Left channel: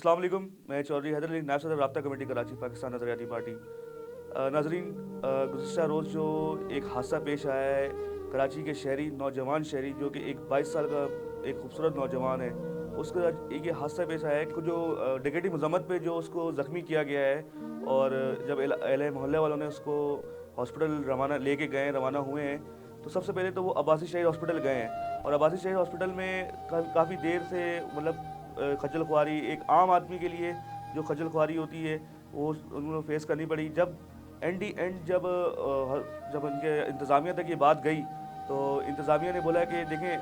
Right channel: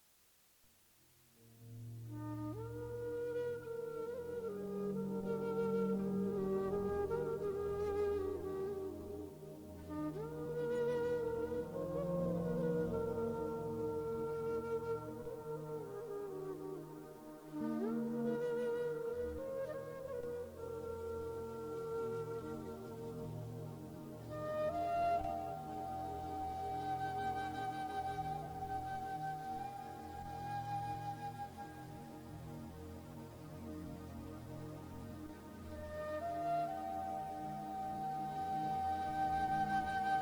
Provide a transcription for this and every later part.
अस्सलाम वालेकुम। मैं चौधरी हैदर अली, नायब सदर राब्ता कमेटी कराची, पाकिस्तान नज़रियाती पार्टी। नाजरीन, गुज़िश्ता रोज़ जो एक हादसा पेश आया है, कराची के शहरी नौजवान शहरी जो कि एक 22 साल का एक खूबसूरत नौजवान है, उसका एक ये हादसा पेश आया है कि जो डिकेटी मजम्मत पे जो उसको ज़ख्मी किया गया है। और जब अहले मोहल्ले वालों ने उसको हॉस्पिटल रवाना हुए हैं, तो सबसे पहले तो वो अब्बासी शहीद हॉस्पिटल गए हैं। और अब्बासी शहीद हॉस्पिटल में काफ़ी देर से खज्जल खुआरी एक आम आदमी के लिए जो खज्जल खुआरी होती है वो उन्होंने फेस करनी पड़ी। जब जब उनके इंतज़ामिया तक ये बात गई, तो इंतज़ामिया ने बोला कि देखें,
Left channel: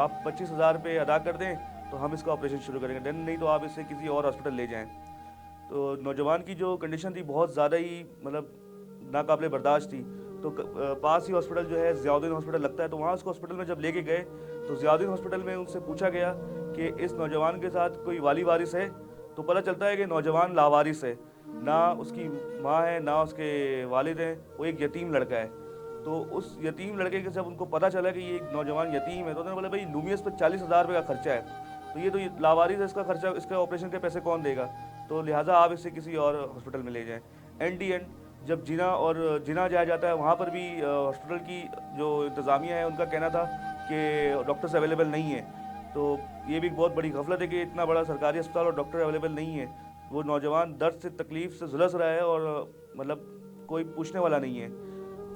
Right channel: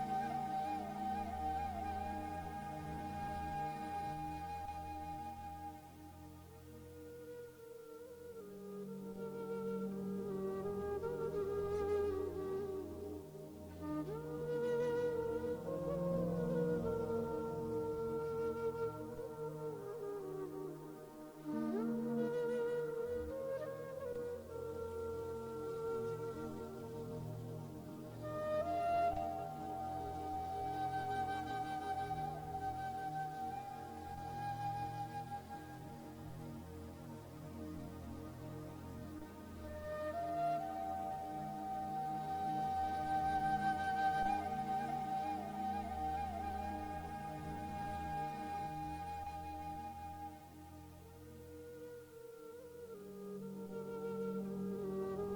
आप 25,000 रुपये अदा कर दें तो हम इसका ऑपरेशन शुरू करेंगे, देन नहीं तो आप इसे किसी और हॉस्पिटल ले जाएं। तो नौजवान की जो कंडीशन थी बहुत ज़्यादा ही नाकाबिले बर्दाश्त थी। तो पास ही हॉस्पिटल जो है ज़ियाउद्दीन हॉस्पिटल लगता है, तो वहाँ उसको हॉस्पिटल में जब लेके गए तो ज़ियाउद्दीन हॉस्पिटल में उनसे पूछा गया कि इस नौजवान के साथ कोई वाली वारिस है। तो पता चलता है कि नौजवान लावारिस है, ना उसकी माँ है ना उसके वालिद हैं, वो एक यतीम लड़का है। तो उस यतीम लड़के के जब उनको पता चला कि ये एक नौजवान यतीम है, तो उन्होंने बोला भाई नूमियस पर 40,000 रुपये का खर्चा है, तो ये लावारिस है, इसका खर्चा, इसके ऑपरेशन के पैसे कौन देगा, तो लिहाजा आप इसे किसी और हॉस्पिटल में ले जाएँ। एंड डी एंड जब जिना जाया जाता है, वहाँ पर भी हॉस्पिटल की जो इंतज़ामिया है उनका कहना था कि डॉक्टर्स अवेलेबल नहीं है। तो ये भी बहुत बड़ी गफलत है कि इतना बड़ा सरकारी अस्पताल और डॉक्टर अवेलेबल नहीं है। वो नौजवान दर्द से तकलीफ़ से झुलस रहा है और कोई पूछने वाला नहीं है।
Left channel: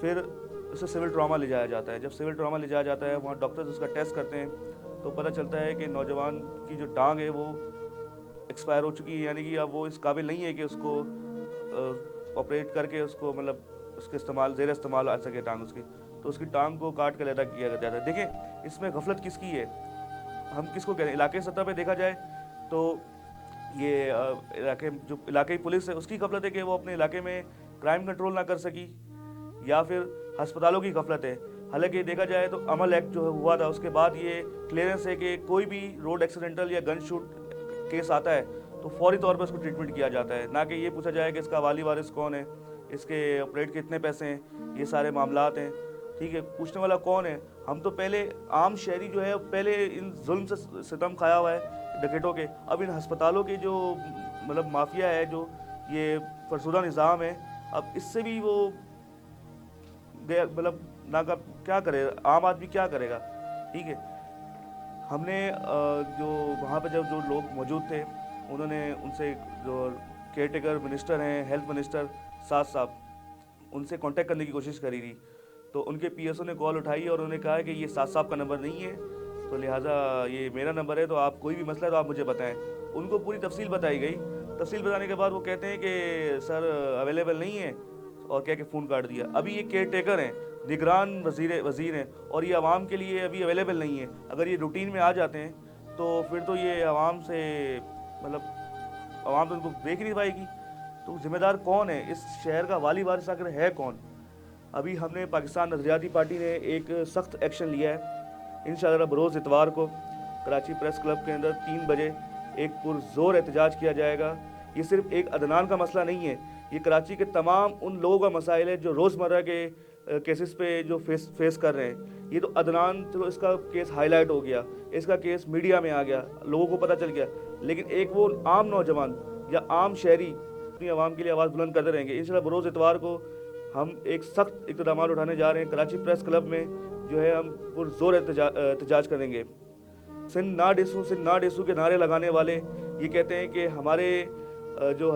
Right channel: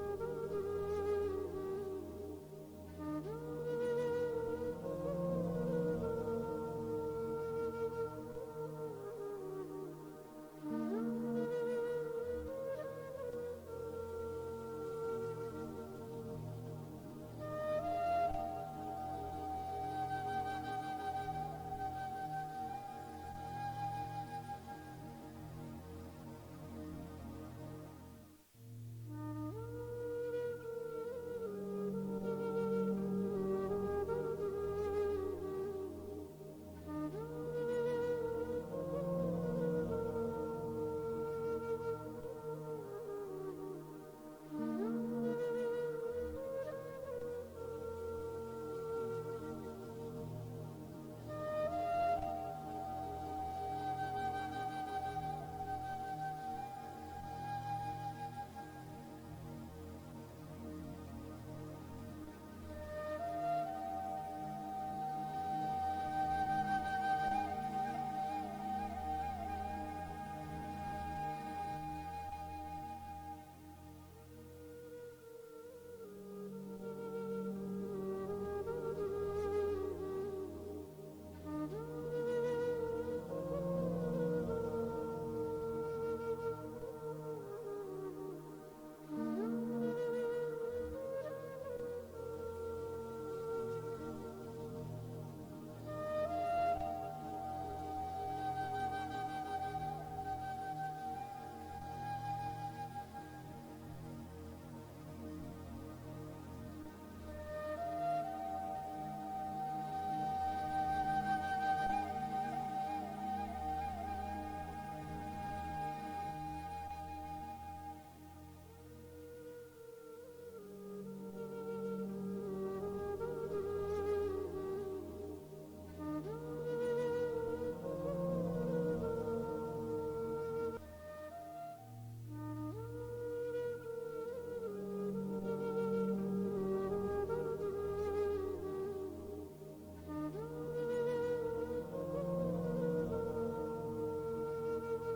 फिर उसे सिविल ट्रामा ले जाया जाता है। जब सिविल ट्रामा ले जाया जाता है, वहाँ डॉक्टर्स उसका टेस्ट करते हैं, तो पता चलता है कि नौजवान की जो टांग है वो एक्सपायर हो चुकी है, यानी कि अब वो इस काबिल नहीं है कि उसको ऑपरेट करके उसको उसके ज़ेर इस्तेमाल आ सके टांग उसकी। तो उसकी टांग को काट कर अलहदा किया जाता है। देखिए, इसमें गफलत किसकी है, हम किसको कह रहे हैं। इलाके सतह पे देखा जाए तो ये इलाके पुलिस है उसकी गफलत है कि वो अपने इलाके में क्राइम कंट्रोल ना कर सकी, या फिर अस्पतालों की गफलत है। हालांकि देखा जाए तो अमल एक्ट जो हुआ था उसके बाद ये क्लियरेंस है कि कोई भी रोड एक्सीडेंटल या गन शूट केस आता है तो फौरी तौर पर उसको ट्रीटमेंट किया जाता है, ना कि ये पूछा जाए कि इसका वाली वारिस कौन है, इसके ऑपरेट के कितने पैसे हैं, ये सारे मामलात हैं। ठीक है, पूछने वाला कौन है। हम तो पहले आम शहरी जो है पहले इन जुल्म से सितम खाया हुआ है डकैतों के। अब इन अस्पतालों के जो माफिया है, जो ये फरसुदा निज़ाम है, अब इससे भी वो ना का क्या करे, आम आदमी क्या करेगा। ठीक है, हमने जो वहाँ पे जब जो लोग मौजूद थे उन्होंने उनसे, जो केयर टेकर मिनिस्टर हैं, हेल्थ मिनिस्टर साद साहब, उनसे कांटेक्ट करने की कोशिश करी थी। तो उनके पीएसओ ने कॉल उठाई और उन्होंने कहा कि ये साद साहब का नंबर नहीं है, तो लिहाजा ये मेरा नंबर है, तो आप कोई भी मसला है तो आप मुझे बताएं। उनको पूरी तफसील बताई गई। तफसील बताने के बाद वो कहते हैं कि सर अवेलेबल नहीं है, और कह के फ़ोन काट दिया। अभी ये केयर टेकर हैं, निगरान वज़ीर हैं, और ये आवाम के लिए अभी अवेलेबल नहीं है। अगर ये रूटीन में आ जाते हैं तो फिर तो ये आवाम से आवाम तो उनको देख ही नहीं पाएगी। तो जिम्मेदार कौन है, इस शहर का वाली वारिस आखिर है कौन। अभी हमने पाकिस्तान नज़रियाती पार्टी ने एक सख्त एक्शन लिया है। इंशाअल्लाह बरोज़ इतवार को कराची प्रेस क्लब के अंदर 3 बजे एक पुरज़ोर एहतजाज किया जाएगा। ये सिर्फ एक अदनान का मसला नहीं है, ये कराची के तमाम उन लोगों का मसाइल है जो रोज़मर्रा के केसेस पे जो फेस कर रहे हैं। ये तो अदनान, चलो इसका केस हाईलाइट हो गया, इसका केस मीडिया में आ गया, लोगों को पता चल गया, लेकिन एक वो आम नौजवान या आम शहरी अपनी आवाम के लिए आवाज़ बुलंद करते रहेंगे। इंशाल्लाह बरोज़ इतवार को हम एक सख्त इक़दाम उठाने जा रहे हैं। कराची प्रेस क्लब में जो है हम पुरज़ोर एहतजाज करेंगे। सिंध ना डेसू के नारे लगाने वाले ये कहते हैं कि हमारे जो